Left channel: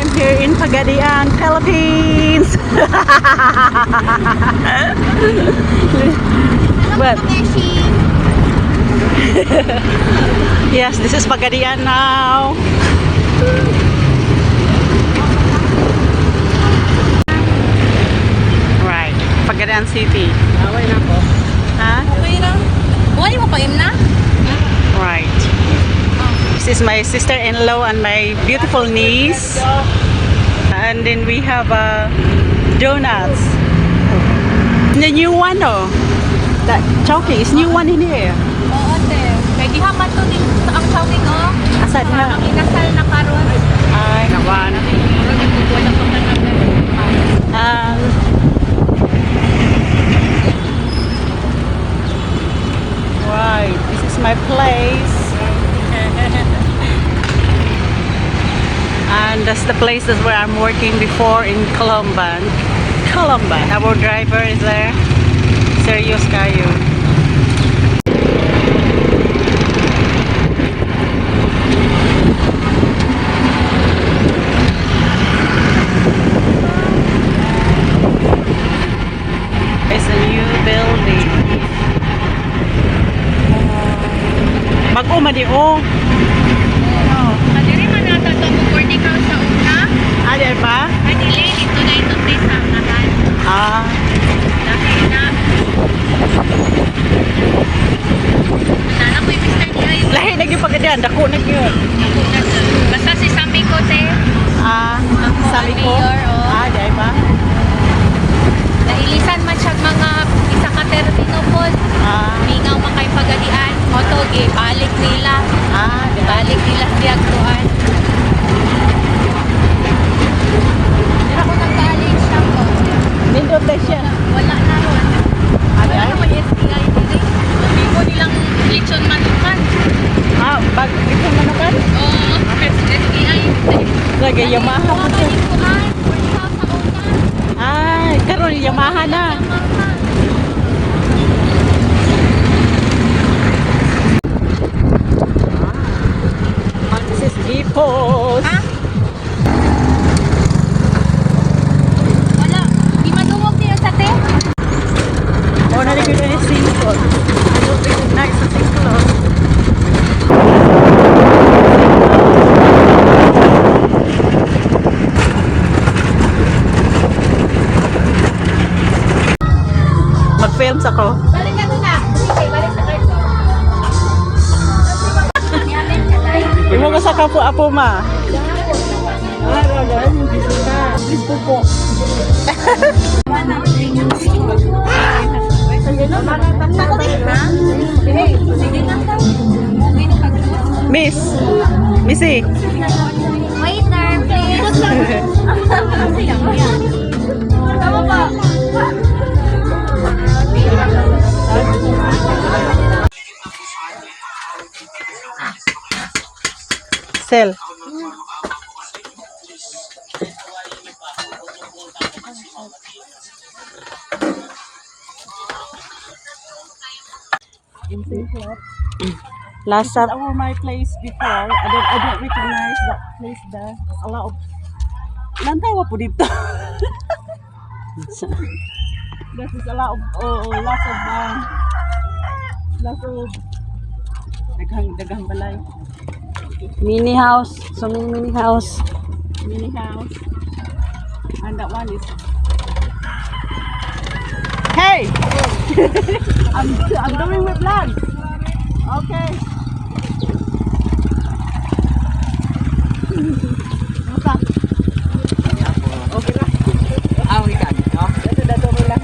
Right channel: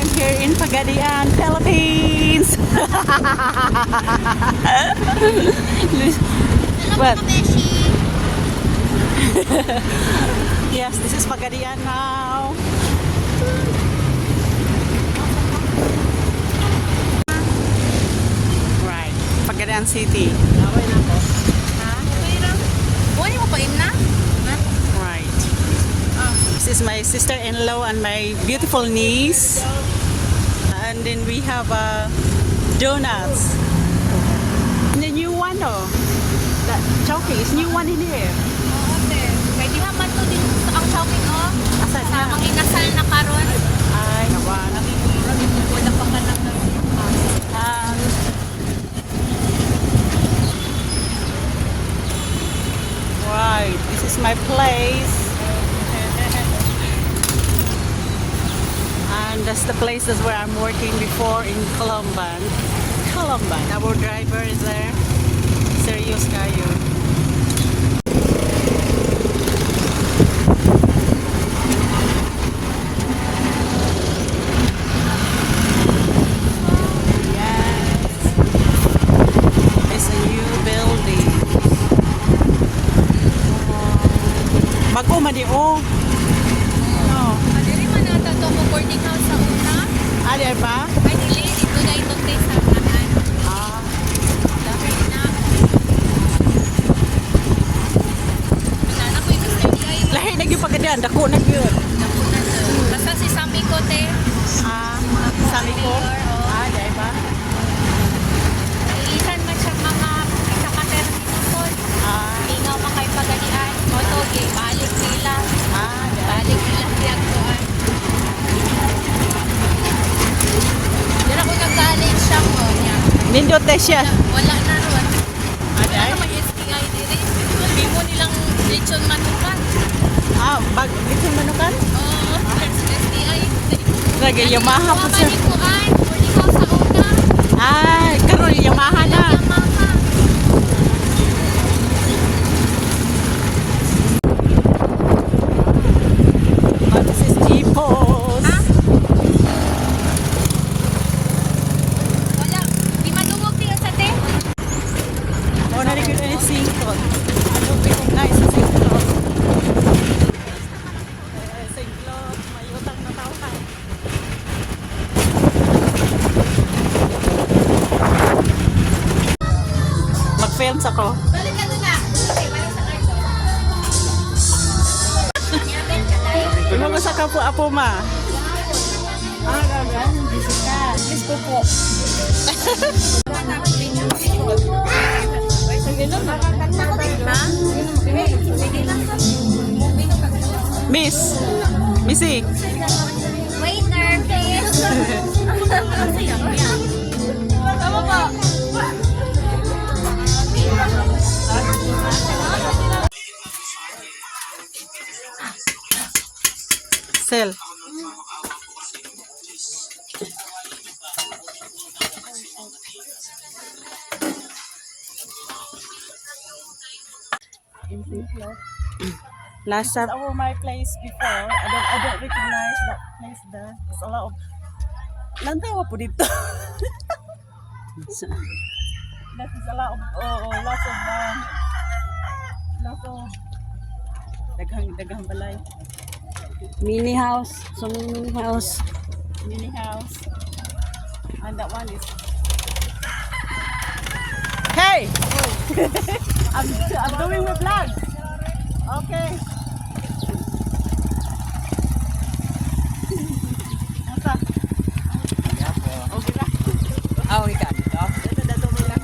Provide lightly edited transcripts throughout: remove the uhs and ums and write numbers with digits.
I'm here in Pagadian, Philippines. Well, yes, this is Pagadian now. Right, Pagadian City. Huh? Right. This is my sister-in-law and my beautiful niece. And then we have donuts. The new one, oh. That Chowking is new one in here. Asad na. Ay, naman. Right, this is my place. And that's the places where I'm working before in Colomban. Our driver is there. Serious kayo. It's a new building. Mag-uma di oh. Ali pa? Ah. Lahi na yung Pagadian, dako na yun. Basta si Samiko te. Ah, sabi ko. Ah, dahil ba? Nailisan man siya mga isa ka termino po. Ah, Mingaw man kay Pagadian. Motoge, balik nila. ah, Balik nila diagtuan. Pero kung nag-galing siya po, nindot na siya. wala na ron. Wala Ay. naman SBI dili. Hindi ko nilang lechon manukan. Ah, bag ito manukan? Oo, SBI. Lagi Yamaha po siya. Ah, karon Yamaha na. Ah, this is Kipos. Wala. Di maluwag din sa te. Oh, nalagay na yung singkot. I don't recognize the singkot. Mag-films ako. Balik ka na. Balik sa karto. Imo ko sa kapo apo ma. Gusto po. Miss. Missy. Waiter, please. Tama ba? Sel. Last time over my place before, I don't recognize that place there. There's a lot of lantawa po dito. There's a lot of lots of daghang balay. Mini house, so mini house. And that one is hey. I'm doing my vlog. Okay. Basta. Okay ra. Ah, we can. Dato mo lang.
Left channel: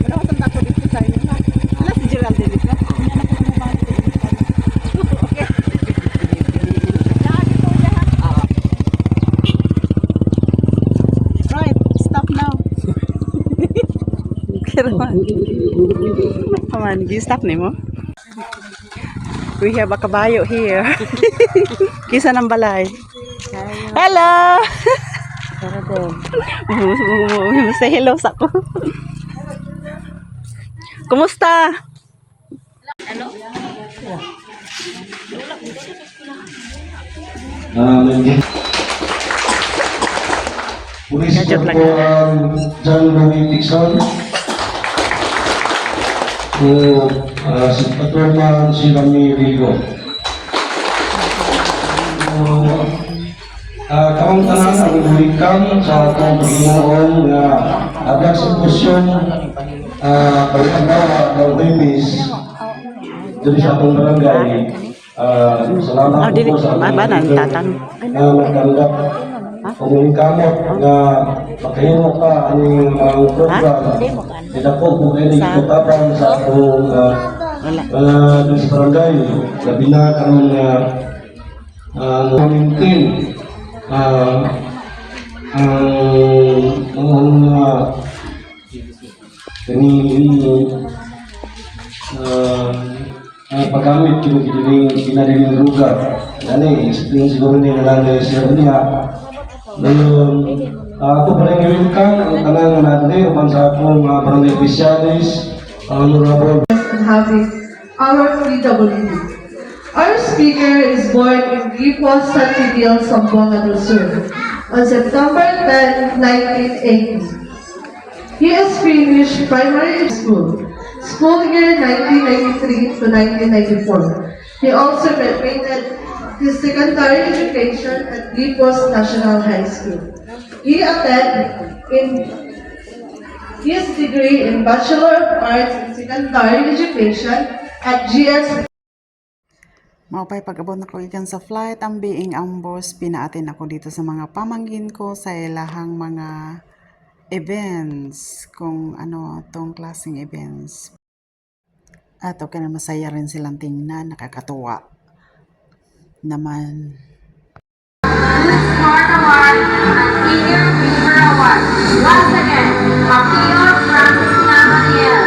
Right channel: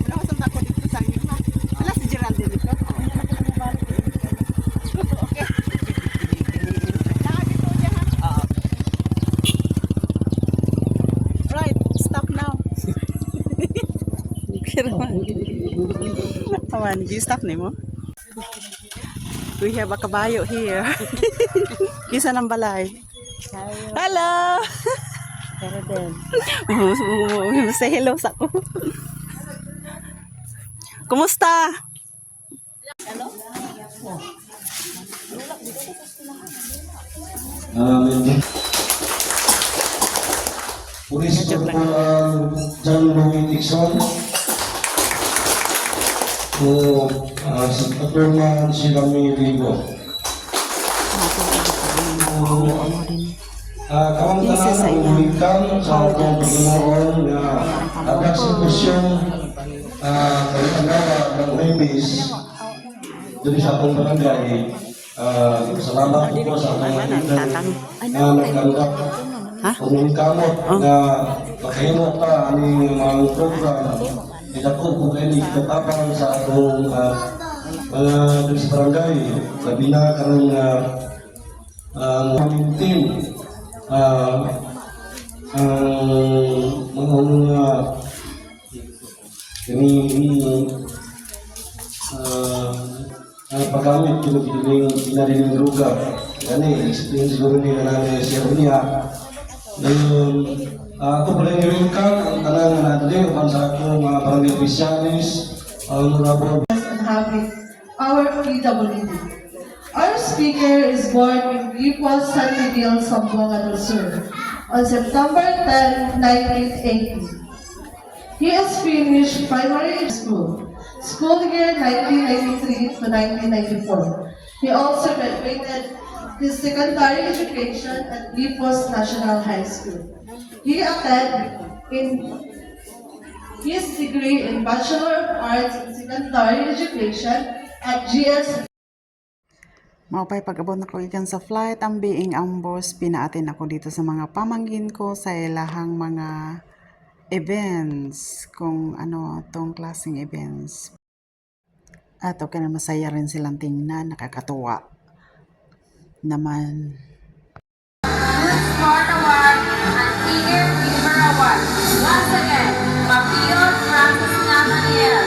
Wala ko sa dito sa inyo ha. Ala si Geraldine dito. Okay. Right, stop now. Come on, you stop nimo. We have a kabayo here. Kisa ng balay. Hello! Say hello sa ko. Kumusta? Please Gadget po lang. ang John Louis Dixon. Si Patrona si Rami Rigo. Kamang tanan ang ulikang sa akong Panginoon na agad sa posyon pag-agawa ng Webis dito sa akong barangay. Salamat po sa akong kaibigan na nagkandak kung kamot na makahimo ka ang program. Ito po kung kayo nagkakatabang sa akong dito sa barangay. Labi na kanong morning team. Ang mga paggamit yung pinadiling lugar. Yan explain siguro nila natin siya niya. Ngayon, ito pala yung welcome ang talangan natin upang sa akong mga barangay officialis, honorable. And having our PWD. Our speaker is born in Gripo, San Miguel, Zamboanga del Sur on September 10, 1980. He has finished primary school year 1993 to 1994. He also completed his secondary education at Gripos National High School. He attended his degree in Bachelor of Arts in Secondary Education at GS. Maupay pag-abot na ko ikan sa flight, ang being ang boss, pinaatin ako dito sa mga pamangkin ko sa ilahang mga events, kung ano tong klaseng events. At okay na masaya rin silang tingnan, nakakatuwa naman. Smart Award and Senior Beaver Award. Once again, Mapio Francis Nathaniel.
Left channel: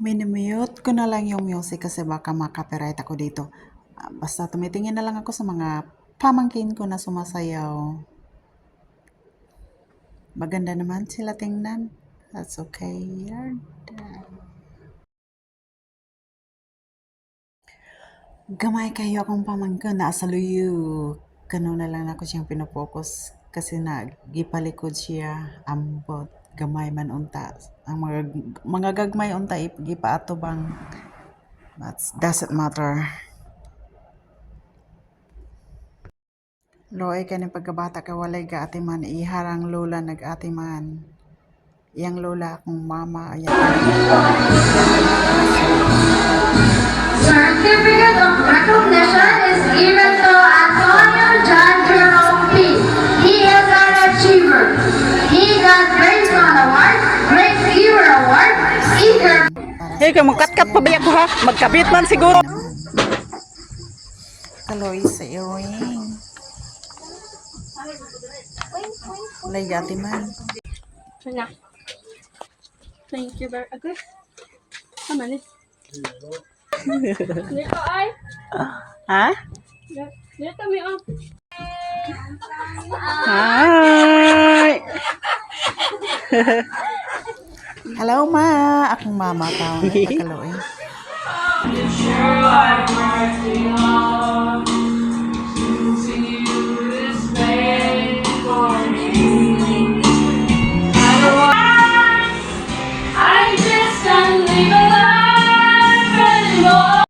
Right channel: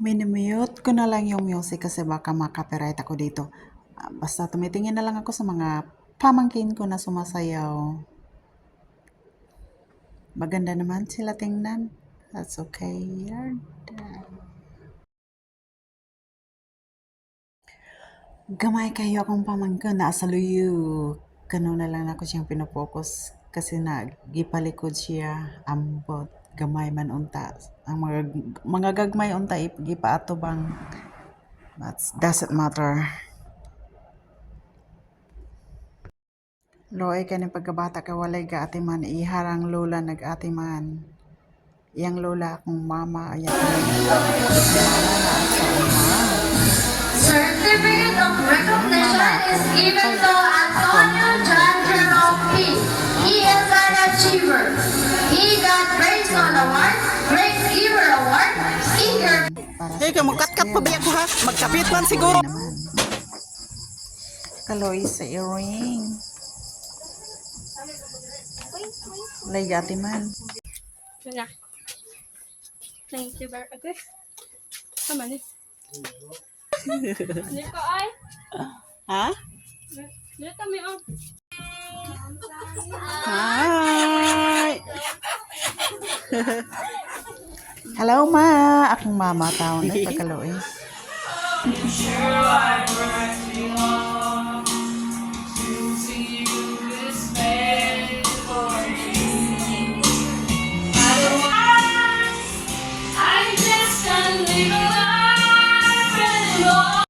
Minimute ko na lang yung music kasi baka makapiright ako dito. Basta tumitingin na lang ako sa mga pamangkin ko na sumasayaw. Maganda naman sila tingnan. That's okay. You're done. Gamay kayo akong pamangkin na asaluyo. Kano na lang ako siyang pinopokus kasi nagipalikod siya ambot. Gamay man unta. Ang mga gagmay unta ipagipaato bang. That doesn't matter. Loy ka ng pagkabata ka walay ga ate man iharang lola nag-ate man. Iyang lola akong mama ayan. Certificate of recognition is given to Antonio John Jerome P. He is an achiever. He got Grade 1 Award, Grade Giver Award, Seeker. Hey, kayo magkat-kat pa biyak ko ha? Magkabit man siguro. Kaloy sa earring. Walay ga ate man. Sana. Thank you very much. Tama ni. Dito ay. Ha? Dito kami oh. Hi! Hello, ma! Akong mama tao na pagkaloy. I just can't live a life anymore.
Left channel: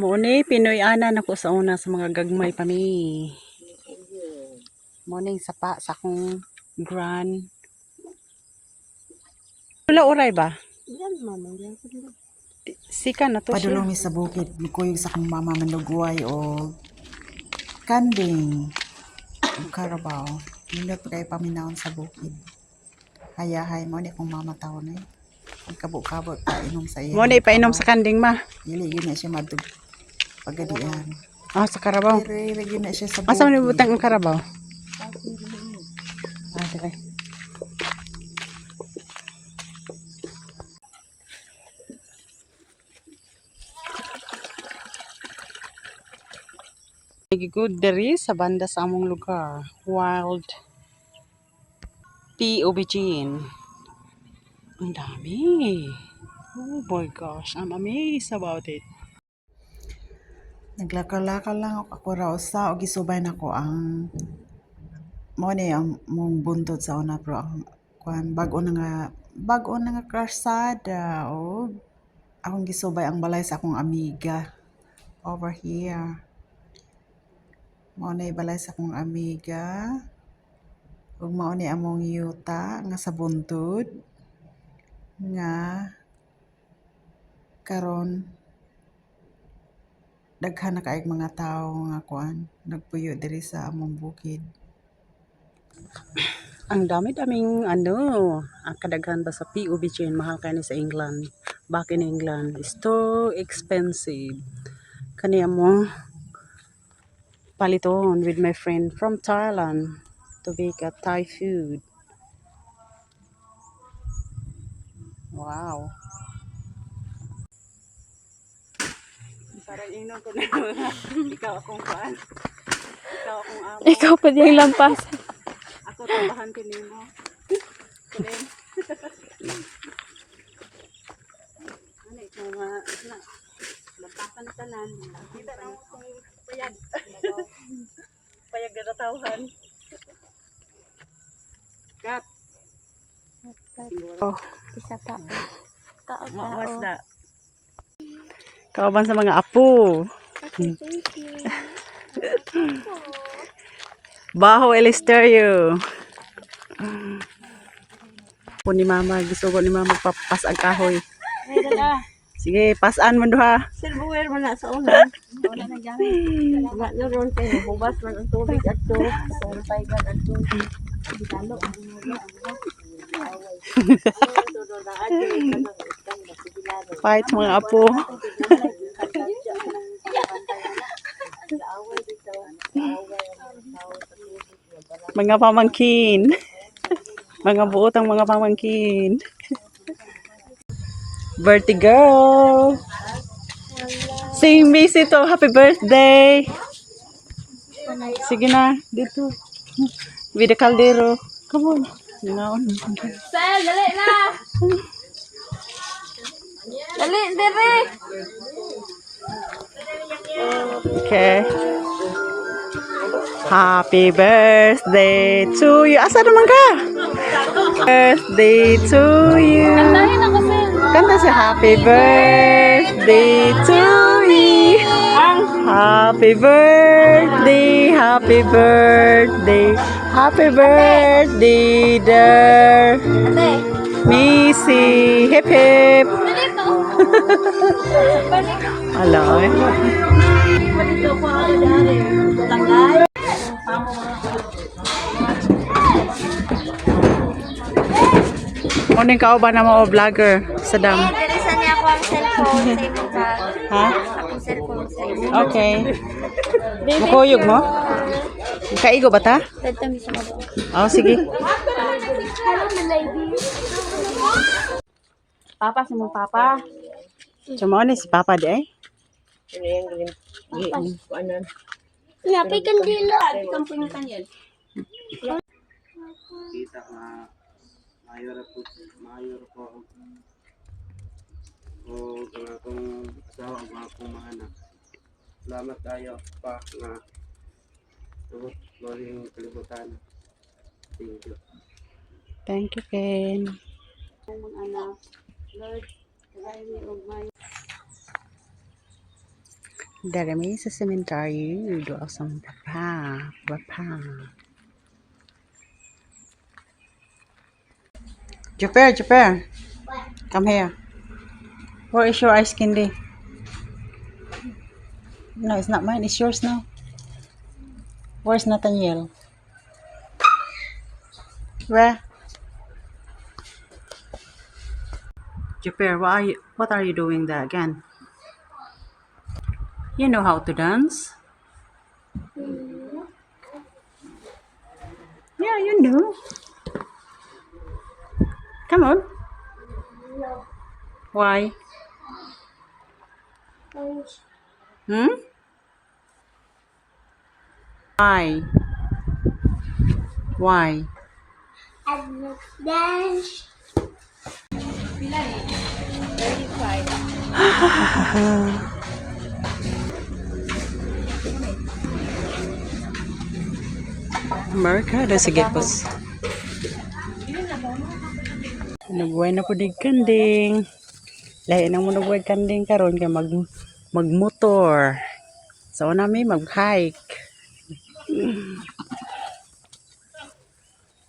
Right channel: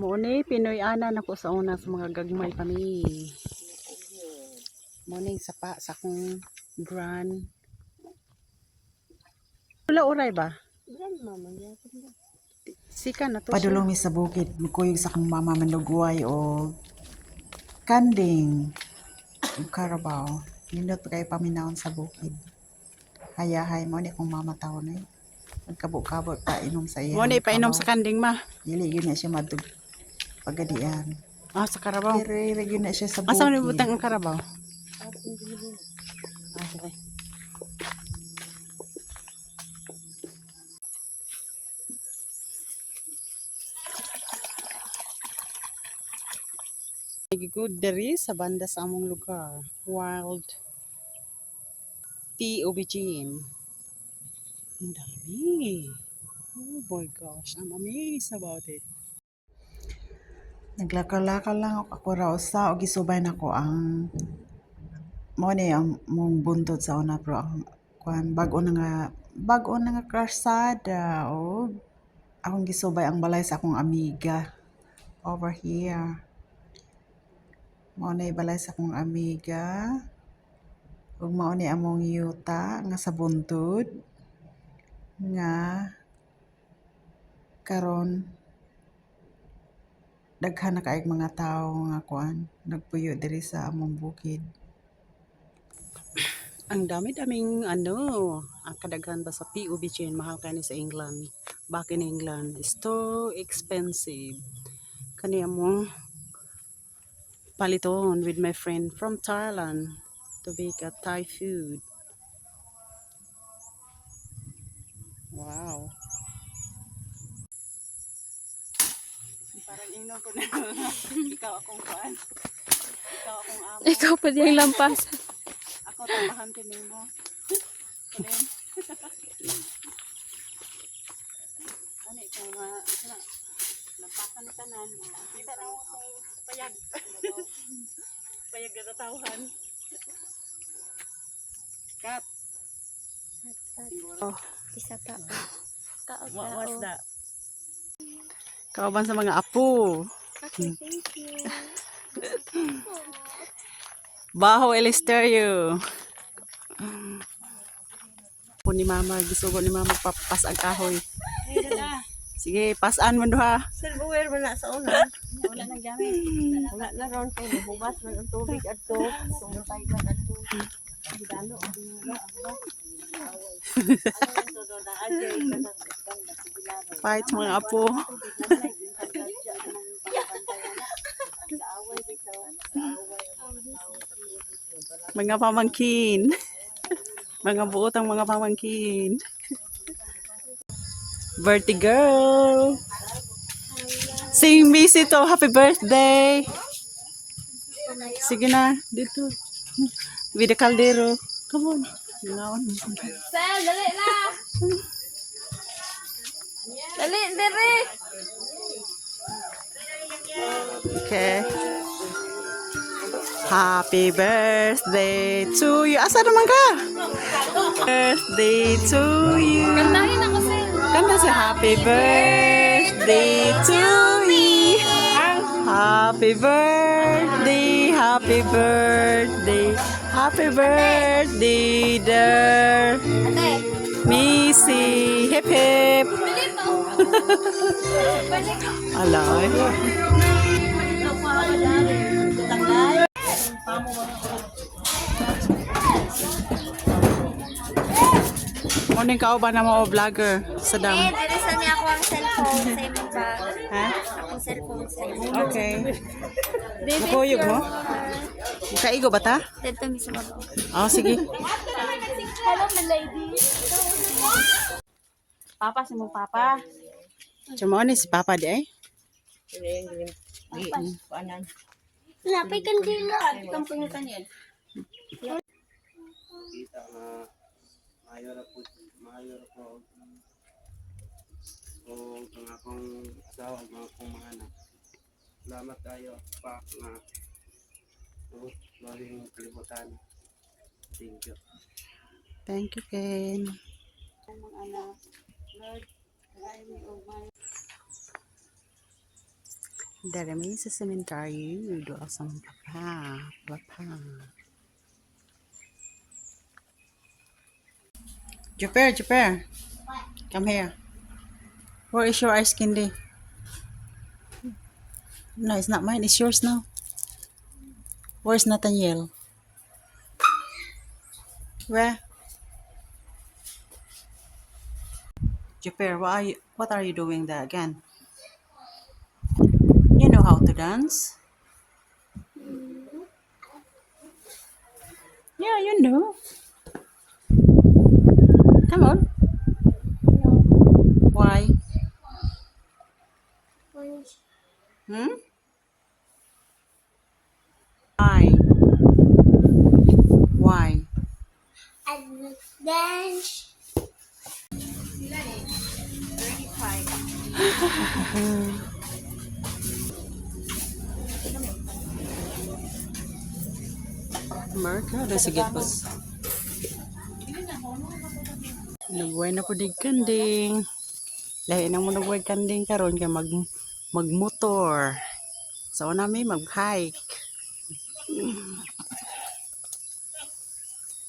Muni, Pinoy ana na ko sa una sa mga gagmay pa mi. Morning sapa sa akong grand. Wala oray ba? Sika na to. Padulong mi sa bukid, mikuyog sa akong mama manugway o kanding. O karabaw. Nindot pa kayo paminahon sa bukid. Hayahay mo ni akong mama tao na Pagkabot-kabot pa inom sa iya. Mo ni painom sa kanding ma. Dili yun na siya madug. Pagadian. Ah, sa karabaw. Pero yun na siya sa bukid. Asa ni butang ang karabaw? Ah, sige. Good diri sa banda sa among lugar. Wild tea aubergine. Ang dami. Oh my gosh, I'm amazed about it. Naglakal-lakal lang ako raw sa og gisubay nako ang mo ni ang mong buntod sa una pero ang kuan bag-o na nga karsada o akong gisubay ang balay sa akong amiga over here. Mao na balay sa akong amiga ug mao ni among yuta nga sa buntod nga karon daghan na kaayong mga tawo nga kuan nagpuyo diri sa among bukid. Ang dami-daming ang kadaghan ba sa PUB chain, mahal kani sa England. Back in England, it's too expensive. Kani mo paliton with my friend from Thailand to make a Thai food. Wow. Parang inom ko na. Ikaw akong kuan. Ikaw akong amo. Ikaw pa diyang lampasan. Ako tambahan ko nimo. Kuling. Ano ito mga lampasan tanan. Kita na akong payag. Payag na tawhan. Kat. Siguro. Isa pa. What's that? Kauban sa mga apo. Baho Elisterio. Po ni mama, gisugo ni mama papas ang kahoy. Sige, pasan mo duha. Silverware man na sa una. Wala na gamit. Wala na ron kay bubas man ang tubig at to. Sumpay gan ang tubig. Dalo ang ulo Fight mga apo. Mga pamangkin. Mga buotang mga pamangkin. Birthday girl. Sing Missy to happy birthday. Sige na, dito. With the caldero. Come on. Ngaon. Sel, dali na! Dali, dali! Okay. Happy birthday to you. Asa naman ka? Birthday to you. Kantahin ako, Sel. Kanta si happy birthday to me. Happy birthday, happy birthday, happy birthday, dear Ate, Missy. Hip hip. dali to. Hello. Morning ka ba na mo vlogger sa dam? Dali sa niya ako ang cellphone. Save ba? Ha? Akong cellphone, save. Okay. Mukuyog mo? Kaigo ba ta? Tagtami sa mga. Oh, sige. Papa si mong papa. Chamo ni si Papa di ay. Ano yang kuanan. Lapay kandila. Kang pingutan yun. Kita nga mayor po o ang akong asawa ang akong mga anak. Salamat tayo pa nga loring kalibutan. Thank you. Thank you, Ken. Darami sa cemetery, doa sa papa. Jupiter, come here. Where is your ice candy? No, it's not mine. It's yours now. Where's Nathaniel? Where? Jupiter, what are you doing there again? You know how to dance? Yeah, you know. Come on. Why? Hmm? Why? Why? Dance. Mercado, sige po. Nagbuhay na po dig kanding. Lahi na mo nagbuhay kanding karon kay magmotor. So nami mag-hike.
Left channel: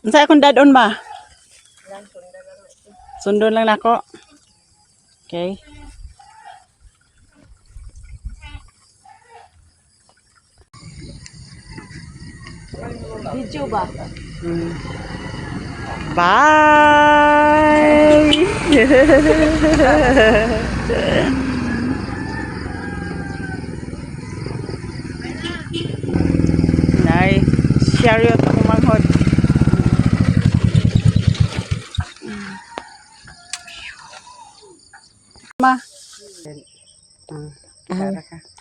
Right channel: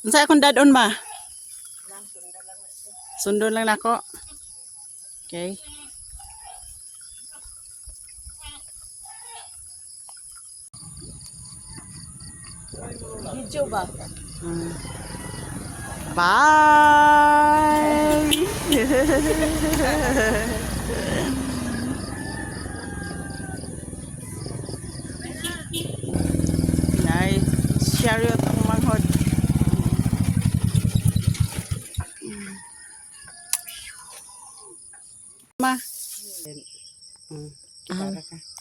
Unsa akong dadon ma? Sundon lang nako. Okay. Video ba? Bye. Nay, chariot ako manghod. Ma.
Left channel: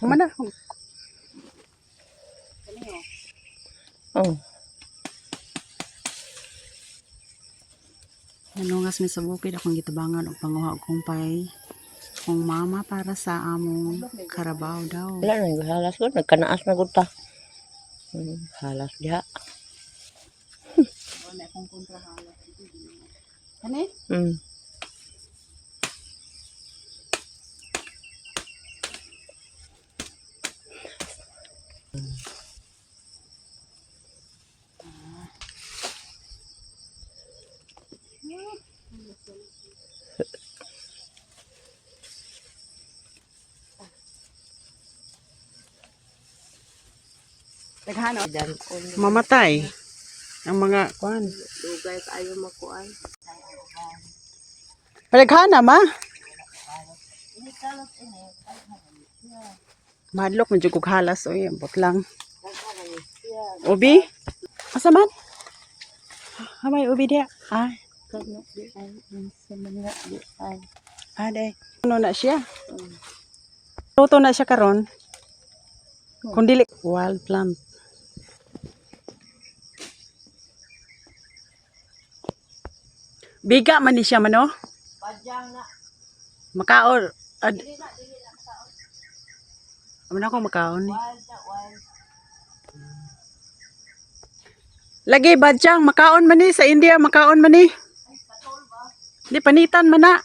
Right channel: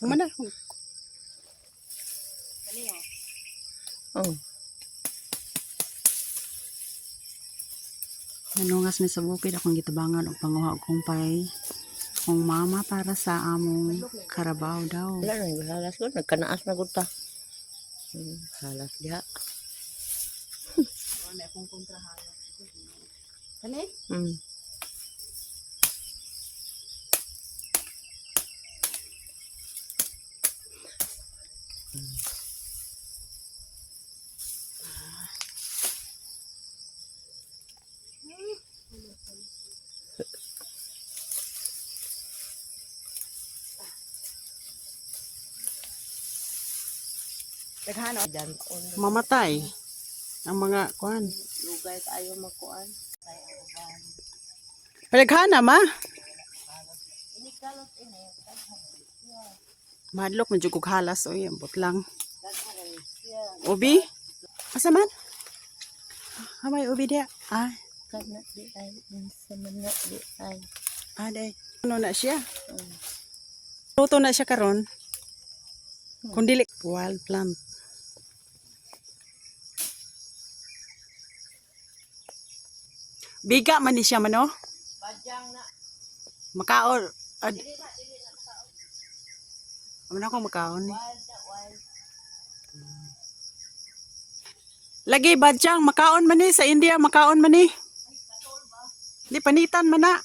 Mana? Oh. Nanungas mi sa bukid akong gitabangan og panguha og kumpay. Kung mama para sa among karabaw daw. Wala na, halas ko. Nagkanaas na ko ta. Halas diha. Kani? Mamatay ang mga kuan. Lugay kayo makuan. Palaghana ma. Madlok man jud kog halas oy, ambot lang. Ubi? Asa man? Hamay ubi dia. Ay, Kana di ay. Sa mga di ay. ade. Ano na siya? Luto na siya karon. Kung dili wild plant. Biga man ni siya man no? Makaon. Ano ako makaon ni? Lagi badyang makaon man ni sa India, makaon man ni. Di panitan man na.